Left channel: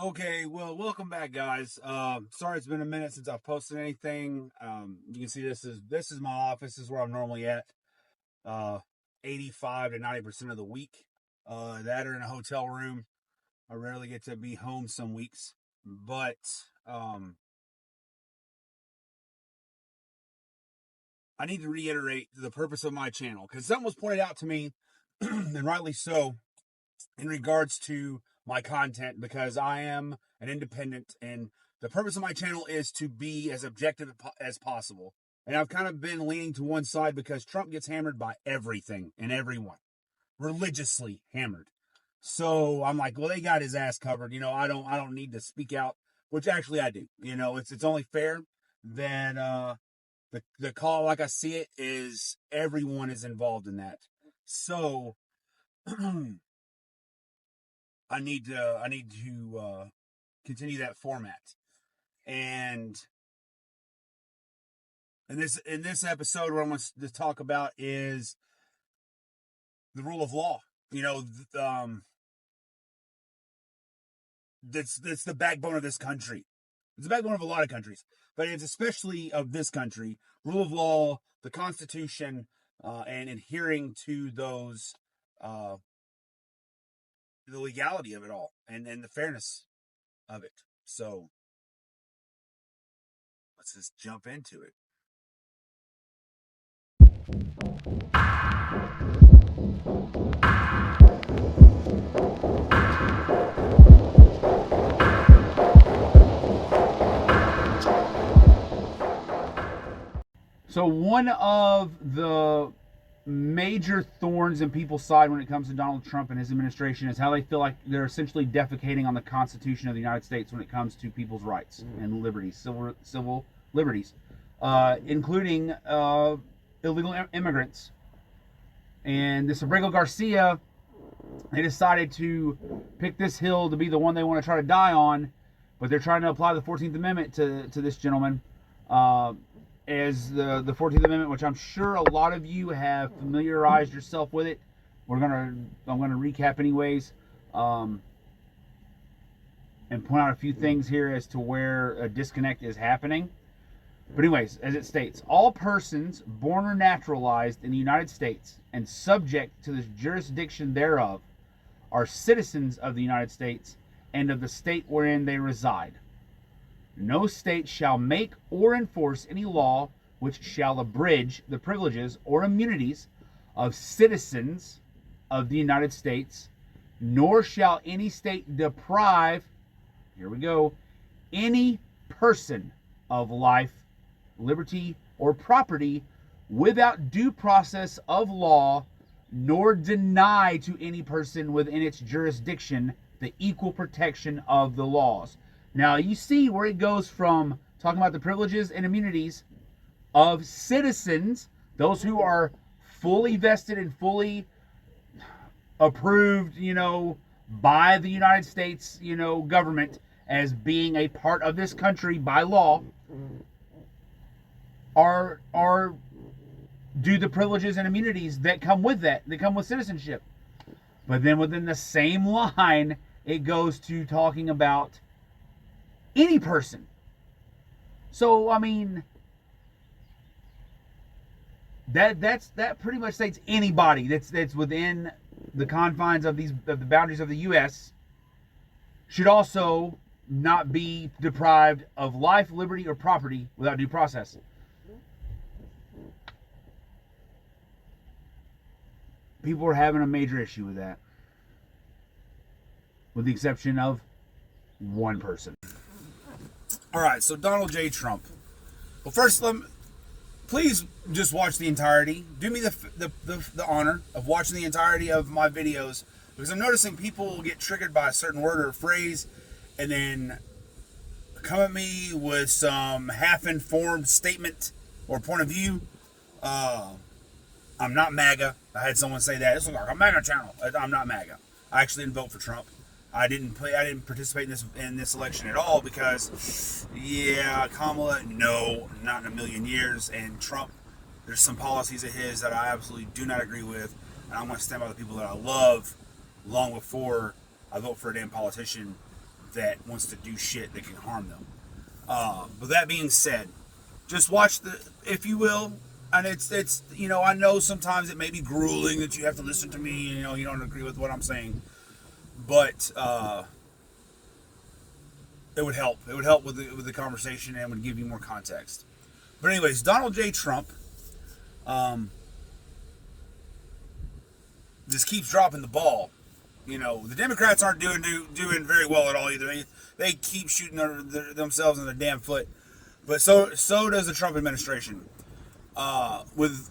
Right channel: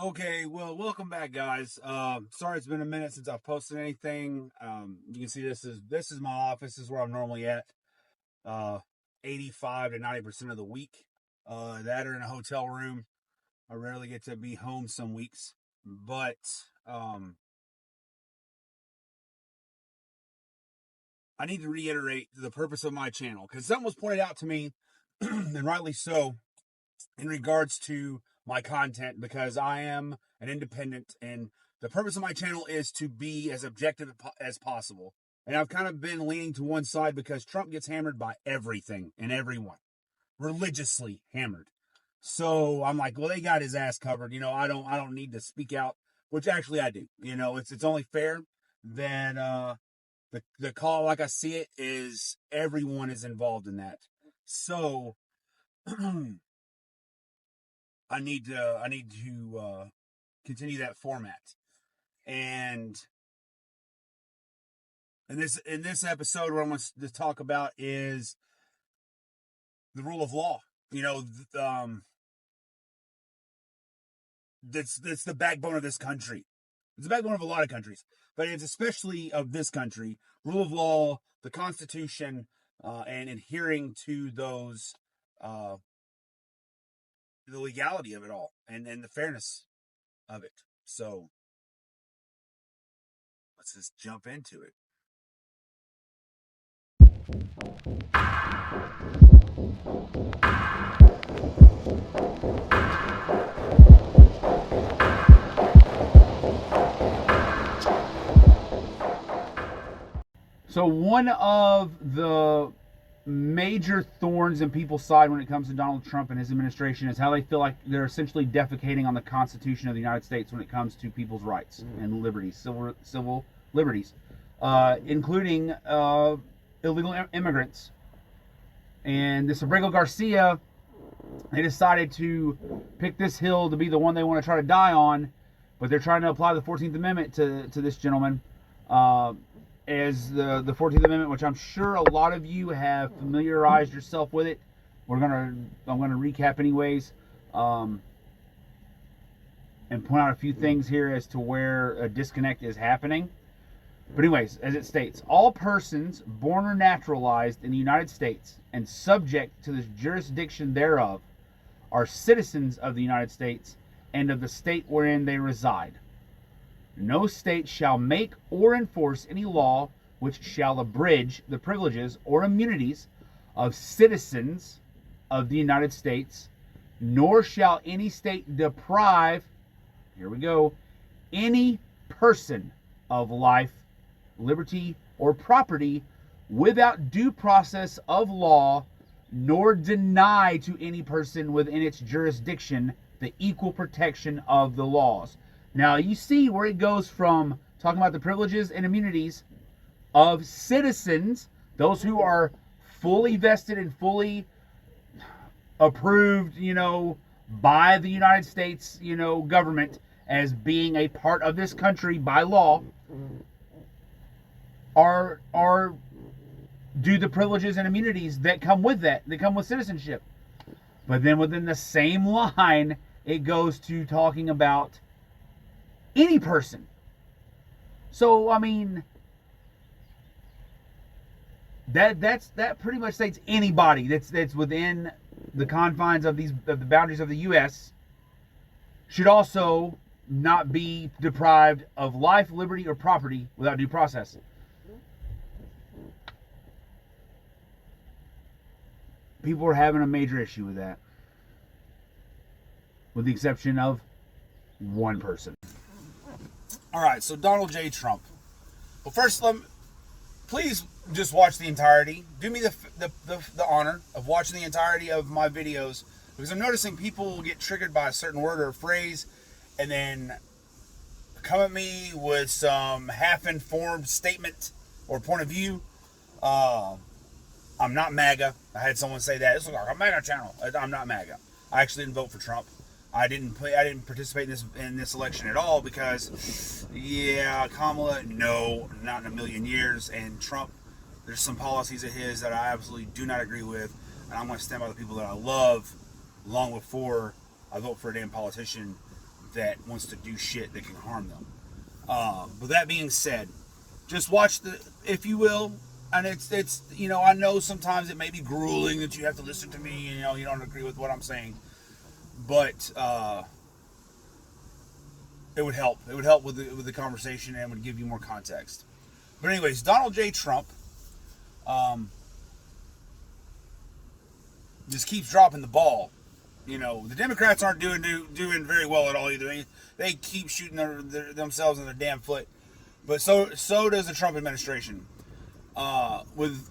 Okay, well, welcome back, guys. Sorry it's been a minute since I've posted anything. You can see this is my office. This is where I'm normally at. 85 to 90% of the week. That or in a hotel room. I rarely get to be home some weeks, but I need to reiterate the purpose of my channel because something was pointed out to me, and rightly so, in regards to my content, because I am an independent and the purpose of my channel is to be as objective as possible. And I've kind of been leaning to one side because Trump gets hammered by everything and everyone, religiously hammered. So I'm like, well, they got his ass covered. I don't need to speak out, which actually I do. It's only fair that the call, like I see it, is everyone is involved in that. So I need to continue that format. And in this episode, what I'm going to talk about is the rule of law. That's the backbone of this country. It's the backbone of a lot of countries, but it's especially of this country. Rule of law, the Constitution, and adhering to those, the legality of it all, and the fairness of it. So let's just jump into it. So one of the major thorns in people's side when it comes to Donald Trump and his administration is how they feel like they're essentially defecating on the Constitution of the United States when it comes to people's rights and liberties, civil liberties, including illegal immigrants. And this Abrego Garcia, they decided to pick this hill to be the one they want to try to die on, but they're trying to apply the 14th Amendment to this gentleman. As the 14th Amendment, which I'm sure a lot of you have familiarized yourself with it. I'm gonna recap anyways, and point out a few things here as to where a disconnect is happening. But anyways, as it states, all persons born or naturalized in the United States and subject to the jurisdiction thereof are citizens of the United States and of the state wherein they reside. No state shall make or enforce any law which shall abridge the privileges or immunities of citizens of the United States, nor shall any state deprive, here we go, any person of life, liberty, or property without due process of law, nor deny to any person within its jurisdiction the equal protection of the laws. Now, you see where it goes from talking about the privileges and immunities of citizens, those who are fully vested and fully approved, by the United States, government as being a part of this country by law, are due the privileges and immunities that come with citizenship. But then within the same line, it goes to talking about any person. So I mean, that pretty much states anybody that's within the confines of the boundaries of the U.S. should also not be deprived of life, liberty, or property without due process. People are having a major issue with that, with the exception of one person. All right, so Donald J. Trump. Well, first, please just watch the entirety. Do me the honor of watching the entirety of my videos, because I'm noticing people will get triggered by a certain word or phrase and then come at me with some half-informed statement or point of view. I'm not MAGA. I had someone say that. This looks like a MAGA channel. I'm not MAGA. I actually didn't vote for Trump. I didn't participate in this election at all because, Kamala, no, not in a million years. And Trump, there's some policies of his that I absolutely do not agree with. And I'm going to stand by the people that I love long before I vote for a damn politician that wants to do shit that can harm them. But that being said, just watch if you will, and it's I know sometimes it may be grueling that you have to listen to me, you don't agree with what I'm saying, but it would help. It would help with the conversation and would give you more context. But anyways, Donald J. Trump just keeps dropping the ball. The Democrats aren't doing very well at all either. They keep shooting themselves in the damn foot. But so does the Trump administration. With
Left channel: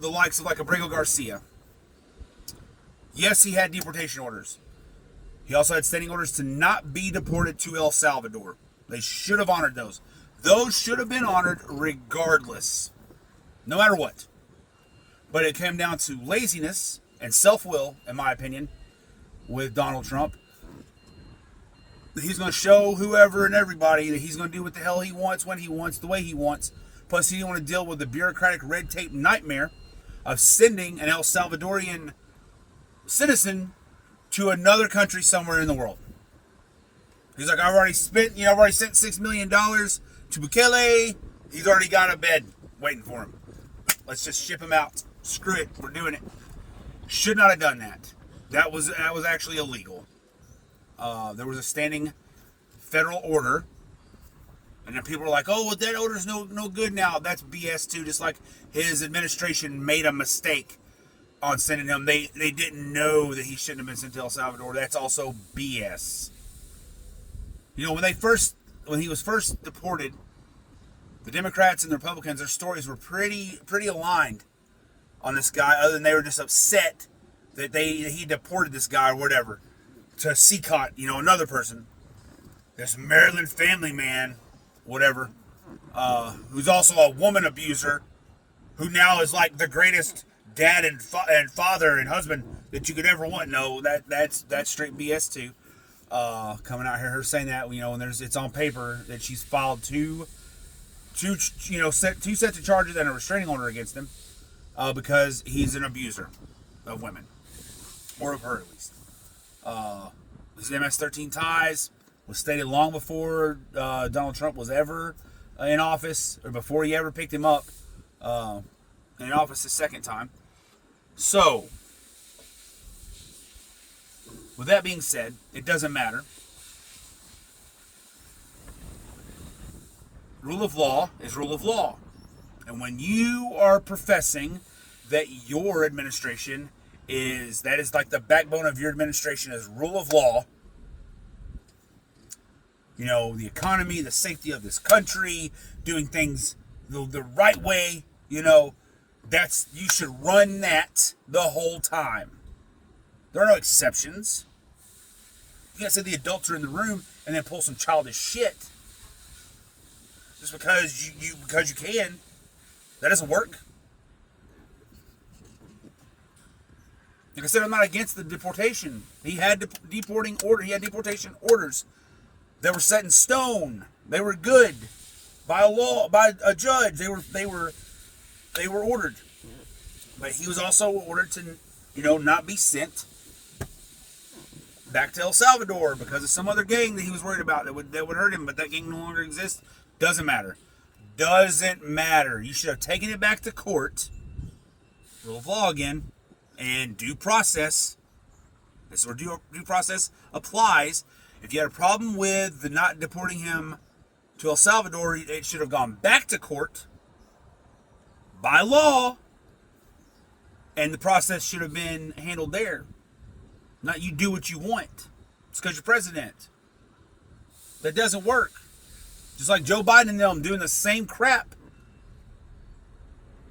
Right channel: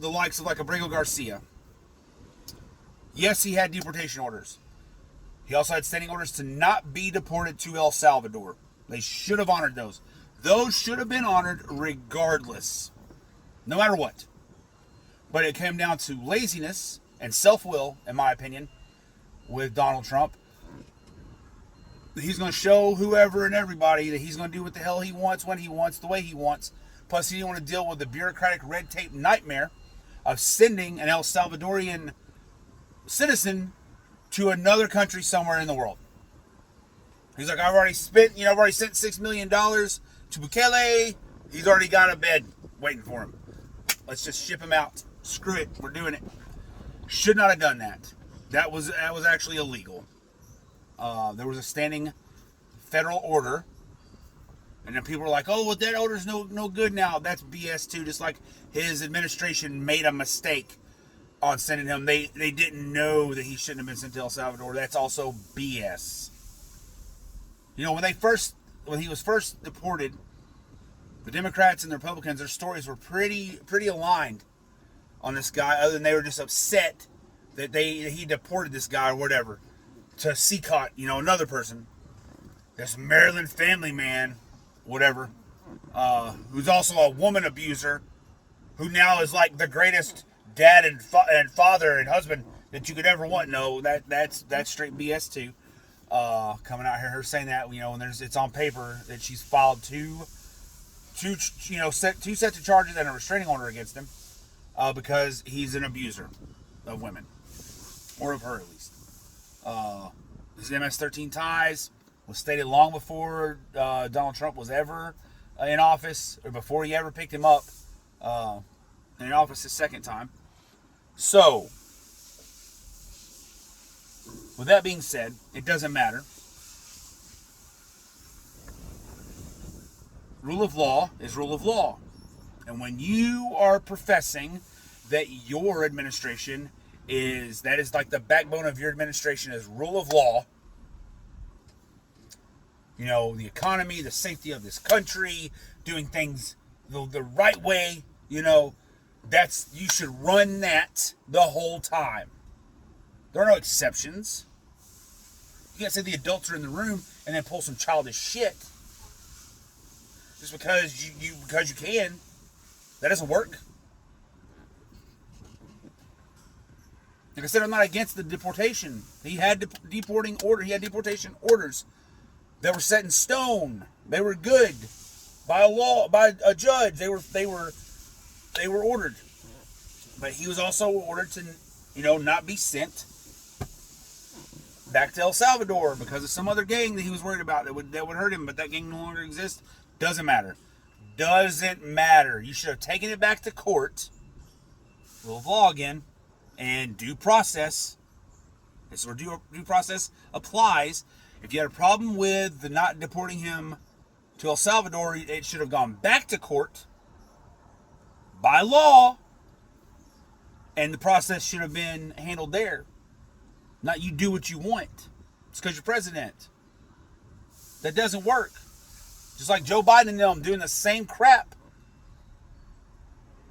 the likes of like Abrego Garcia. Yes, he had deportation orders. He also had standing orders to not be deported to El Salvador. They should have honored those. Those should have been honored regardless, no matter what. But it came down to laziness and self-will, in my opinion, with Donald Trump. He's going to show whoever and everybody that he's going to do what the hell he wants, when he wants, the way he wants. Plus, he didn't want to deal with the bureaucratic red tape nightmare of sending an El Salvadorian citizen to another country somewhere in the world. He's like, I've already sent $6 million to Bukele. He's already got a bed waiting for him. Let's just ship him out. Screw it. We're doing it. Should not have done that. That was actually illegal. There was a standing federal order, and then people were like, "Oh, well, that order's no good now." That's BS too. Just like his administration made a mistake on sending him. They didn't know that he shouldn't have been sent to El Salvador. That's also BS. When he was first deported, the Democrats and the Republicans, their stories were pretty aligned on this guy. Other than they were just upset that he deported this guy or whatever to Seacott, another person, this Maryland family man, whatever, who's also a woman abuser, who now is like the greatest dad and father and husband that you could ever want. No, that's straight BS too. Coming out here, her saying that, and it's on paper that she's filed two sets of charges and a restraining order against him because he's an abuser of women, or of her at least. His MS-13 ties was stated long before Donald Trump was ever in office, or before he ever picked him up in office his second time. So, with that being said, it doesn't matter. Rule of law is rule of law. And when you are professing that your administration that is like the backbone of your administration is rule of law, the economy, the safety of this country, doing things the right way, you should run that the whole time. There are no exceptions. You can't say the adults are in the room and then pull some childish shit just because you can. That doesn't work. Like I said, I'm not against the deportation. He had deportation orders that were set in stone. They were good by a judge. They were ordered. But he was also ordered to not be sent back to El Salvador because of some other gang that he was worried about that would hurt him, but that gang no longer exists. Doesn't matter. You should have taken it back to court. Rule of law again. And due process. This is where due process applies. If you had a problem with the not deporting him to El Salvador, it should have gone back to court by law. And the process should have been handled there. Not you do what you want. It's because you're president. That doesn't work. Just like Joe Biden and them doing the same crap.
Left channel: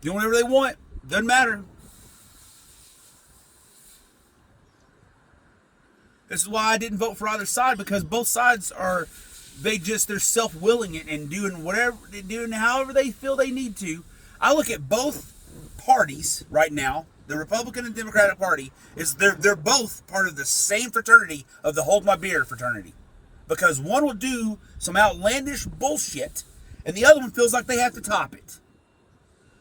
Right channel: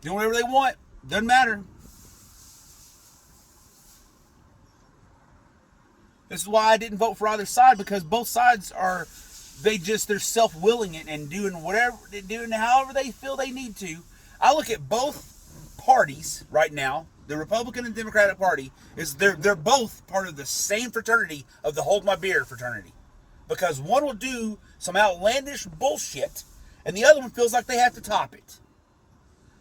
Doing whatever they want. Doesn't matter. This is why I didn't vote for either side, because both sides they're self-willing it and doing however they feel they need to. I look at both parties right now, the Republican and Democratic Party, they're both part of the same fraternity of the Hold My Beer fraternity. Because one will do some outlandish bullshit, and the other one feels like they have to top it.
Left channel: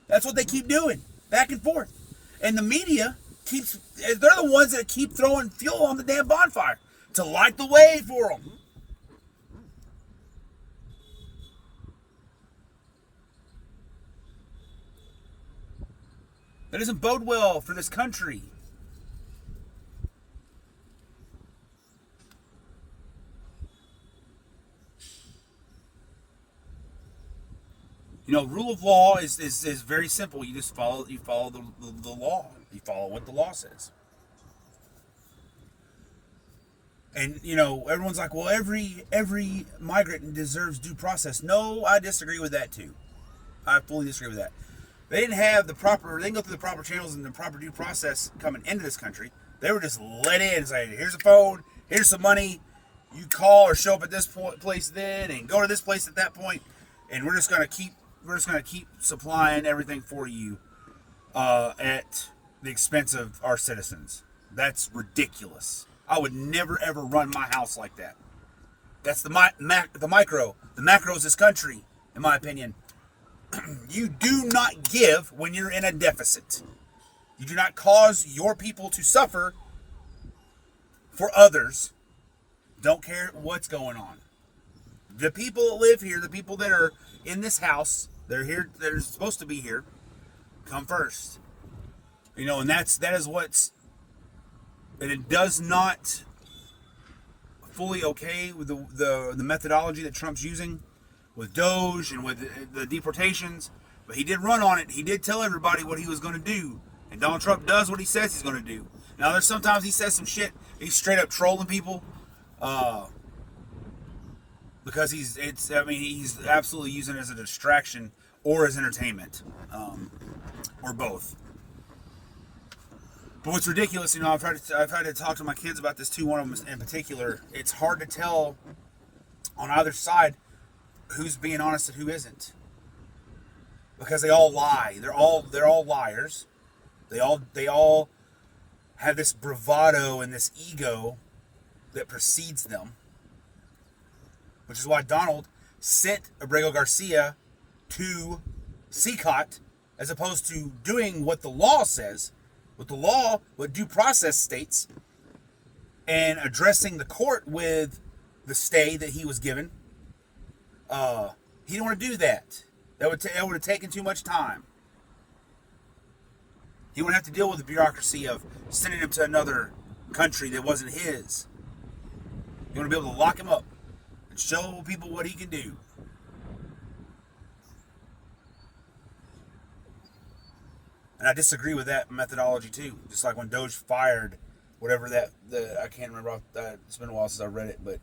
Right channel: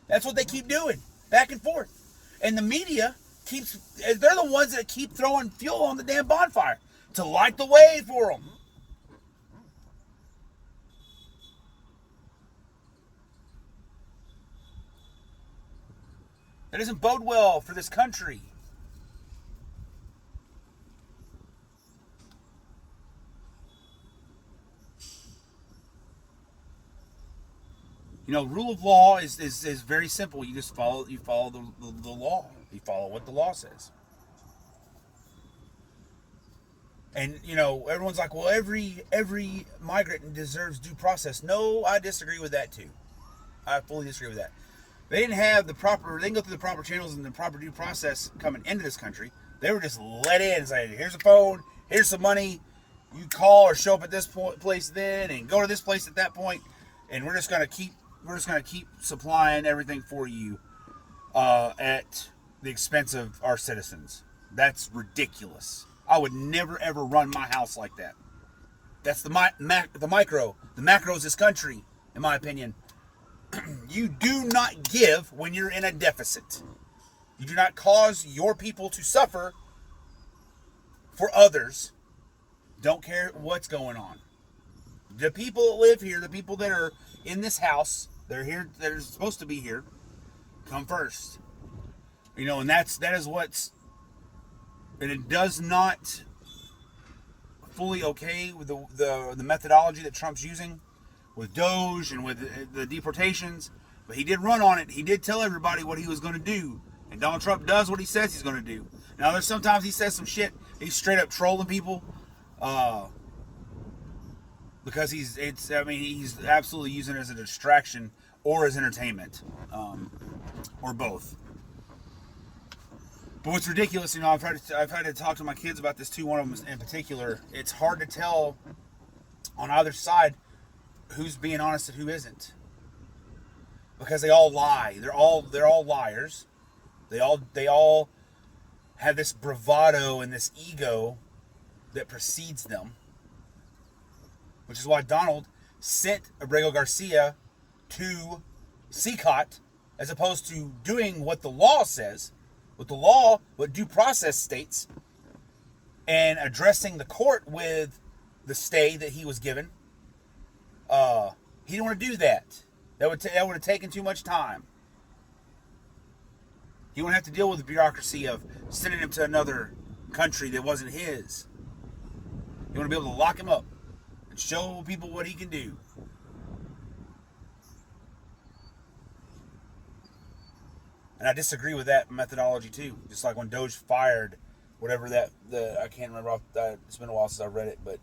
That's what they keep doing, back and forth. And the media they're the ones that keep throwing fuel on the damn bonfire to light the way for them. That doesn't bode well for this country. You know, rule of law is very simple. You just follow the law. You follow what the law says. And you know, everyone's like, well, every migrant deserves due process. No, I disagree with that too. I fully disagree with that. They didn't have the proper. They didn't go through the proper channels and the proper due process coming into this country. They were just let in and say, here's a phone, here's some money. You call or show up at this place then, and go to this place at that point, and we're just gonna keep supplying everything for you at the expense of our citizens. That's ridiculous. I would never ever run my house like that. That's the micro. The macro is this country, in my opinion. You do not give when you're in a deficit. You do not cause your people to suffer for others. Don't care what's going on. The people that live here, the people that are in this house, they're here, they're supposed to be here, come first. You know, and that is what's, and it does not fully okay with the methodology that Trump's using with Doge and with the deportations, but he did run on it. He did tell everybody what he was going to do, and Donald Trump does what he says he's going to do. Now, there's sometimes he says some shit. He's straight up trolling people, because he's absolutely using it as a distraction or as entertainment, or both. But what's ridiculous, you know, I've had to talk to my kids about this too. One of them in particular. It's hard to tell on either side who's being honest and who isn't, because they all lie. They're all liars. They all have this bravado and this ego that precedes them, which is why Donald sent Abrego Garcia to CCOT as opposed to doing what the law says, what due process states, and addressing the court with the stay that he was given. He didn't want to do that. That would have taken too much time. He wouldn't have to deal with the bureaucracy of sending him to another country that wasn't his. You want to be able to lock him up and show people what he can do. And I disagree with that methodology too. Just like when Doge fired whatever I can't remember. It's been a while since I read it, but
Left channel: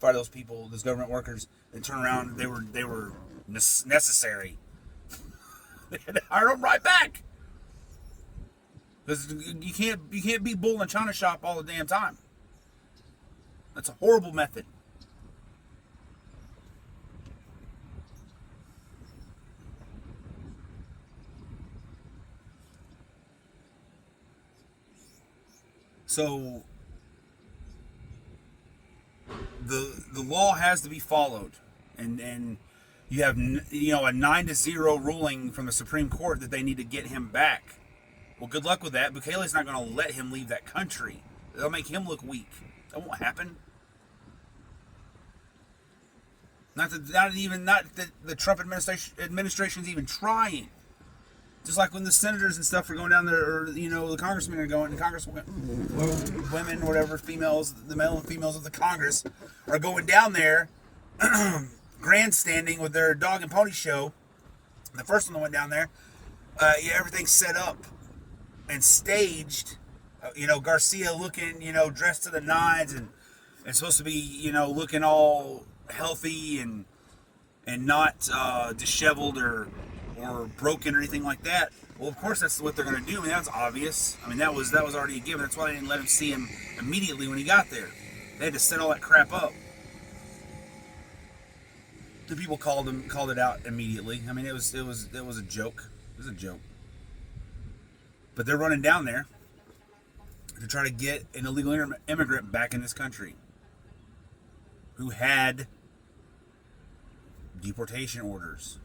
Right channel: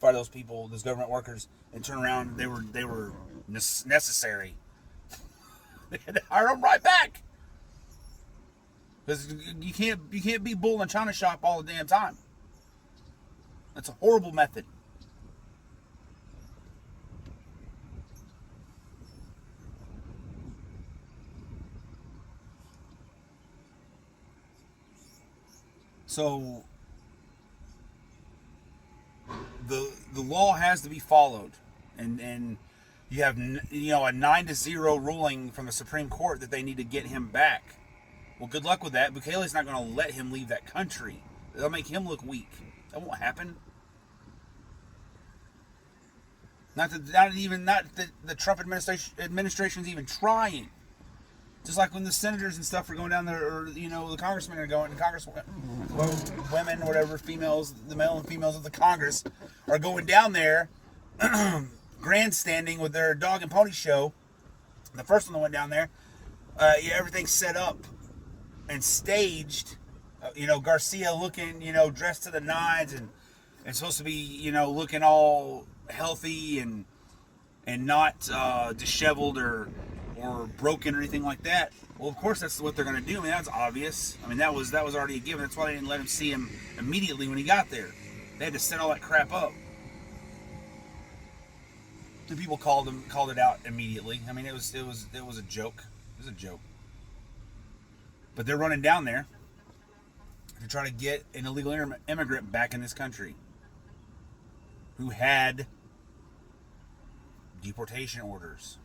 fired those people, those government workers, and turn around and they were necessary. They had to hire them right back. Because you can't be bull in a china shop all the damn time. That's a horrible method. So the law has to be followed, and you have a 9-0 ruling from the Supreme Court that they need to get him back. Well, good luck with that. Bukele's not going to let him leave that country. They'll make him look weak. That won't happen. Not that the Trump administration's even trying. Just like when the senators and stuff are going down there, or the congressmen are going, women, whatever, females, the male and females of the Congress are going down there, grandstanding with their dog and pony show. The first one that went down there, everything's set up and staged. Garcia looking, dressed to the nines and supposed to be, looking all healthy and not disheveled or broken or anything like that. Well, of course that's what they're going to do. I mean, that's obvious. I mean, that was already a given. That's why they didn't let him see him immediately when he got there. They had to set all that crap up. The people called it out immediately. I mean, it was a joke. It was a joke. But they're running down there to try to get an illegal immigrant back in this country who had deportation orders.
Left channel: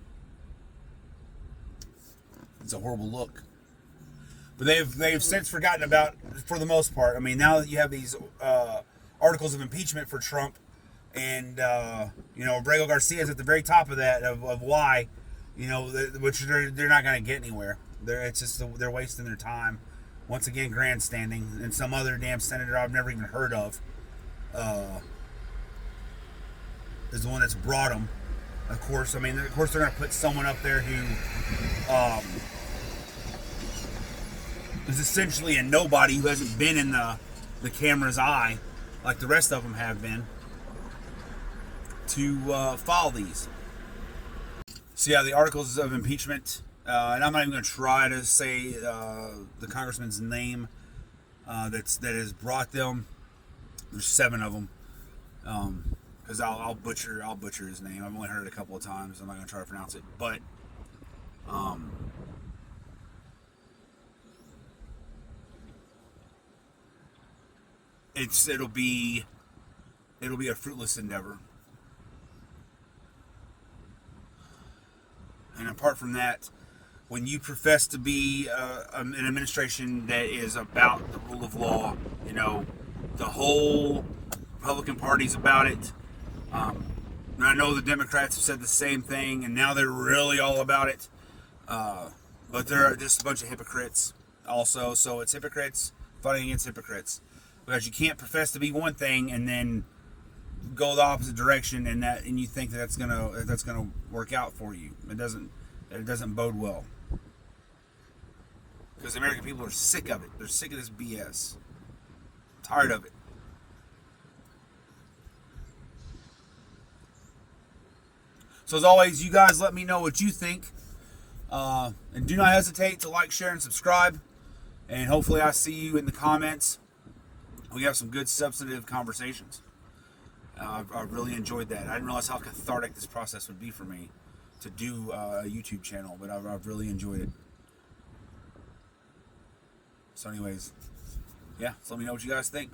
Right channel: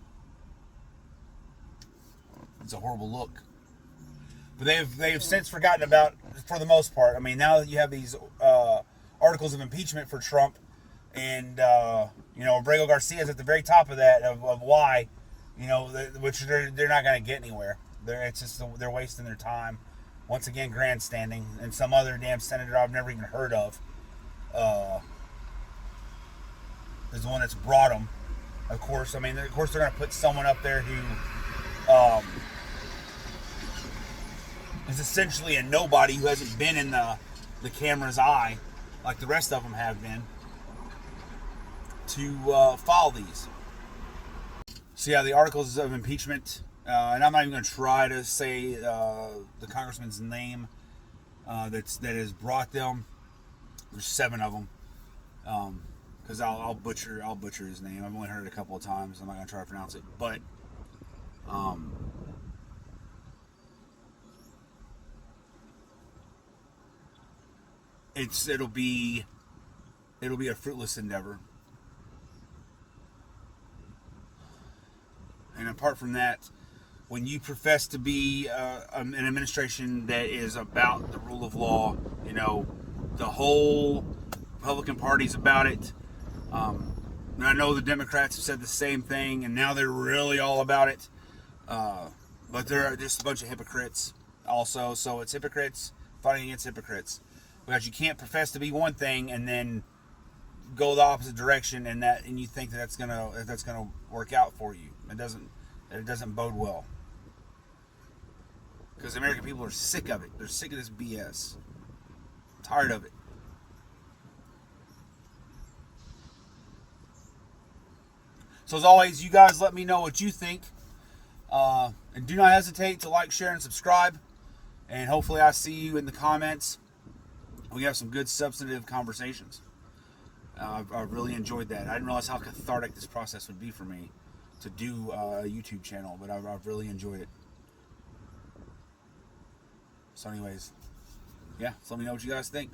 It's a horrible look. But they've since forgotten about, for the most part. I mean, now that you have these articles of impeachment for Trump, and Abrego Garcia is at the very top of that of why, which they're not going to get anywhere. It's just they're wasting their time. Once again, grandstanding, and some other damn senator I've never even heard of is the one that's brought them. Of course, I mean, of course they're going to put someone up there who is essentially a nobody who hasn't been in the camera's eye like the rest of them have been to file these. So yeah, the articles of impeachment, and I'm not even going to try to say the congressman's name that has brought them. There's 7 of them, because I'll butcher his name. I've only heard it a couple of times. I'm not going to try to pronounce it, but it'll be a fruitless endeavor. And apart from that, when you profess to be an administration that is about the rule of law, you know, the whole Republican Party's about it. And I know the Democrats have said the same thing, and now they're really all about it. But they're just a bunch of hypocrites also. So it's hypocrites fighting against hypocrites. Because you can't profess to be one thing and then go the opposite direction, and you think that's gonna work out for you. It doesn't bode well. Because the American people are sick of it. They're sick of this BS. Tired of it. So as always, you guys let me know what you think. And do not hesitate to like, share, and subscribe. And hopefully I see you in the comments. We have some good substantive conversations. I really enjoyed that. I didn't realize how cathartic this process would be for me to do a YouTube channel, but I've really enjoyed it. So anyways, yeah, so let me know what you guys think.